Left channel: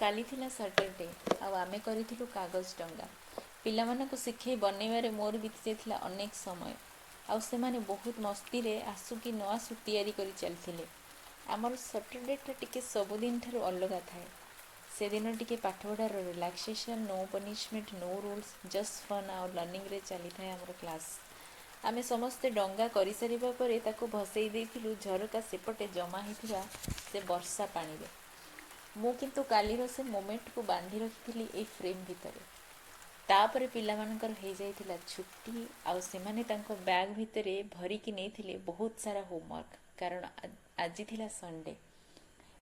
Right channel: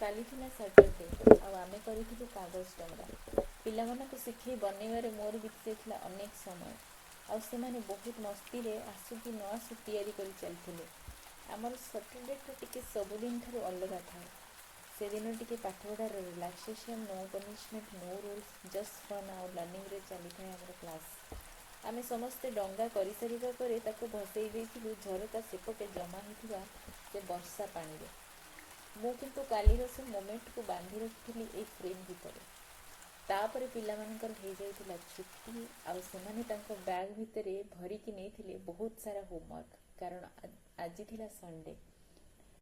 काली थिला सैटरडे आउ आमे करिथिलु कागज डंगा। पिलामानकु शिखई बनैबारे मोर बीती जाइथिला अनेक समय। आउ सेमाने बहुत मस्ती रे आसु कि न आसु तैयारी करि चलथिले। आमर सैटरडेटा टिके सबुदिन ठारु अलगा थाए। से दिन टिके पाठपढ़ार relaxation, no punishment, no rules, just fun आउ लर्निंग रे चली थाए आमर क्लास। आमे समस्ते डंगा करि सारिबा परे ताकु भसई देइथिलु झरका सेपटे जमा हेथिबा से वर्षा पानी रे। मु किंतु कालीर से मोमेंट को बांधी रखिथिली ए फ्रेम भितरे। तापरे पिलामानकर हो जाइथिला छुट्टी आउ सेमाने तांको बैग भितरे भरिकी नेइथिले बहुत सारा होमवर्क कारण आज थिला संडे।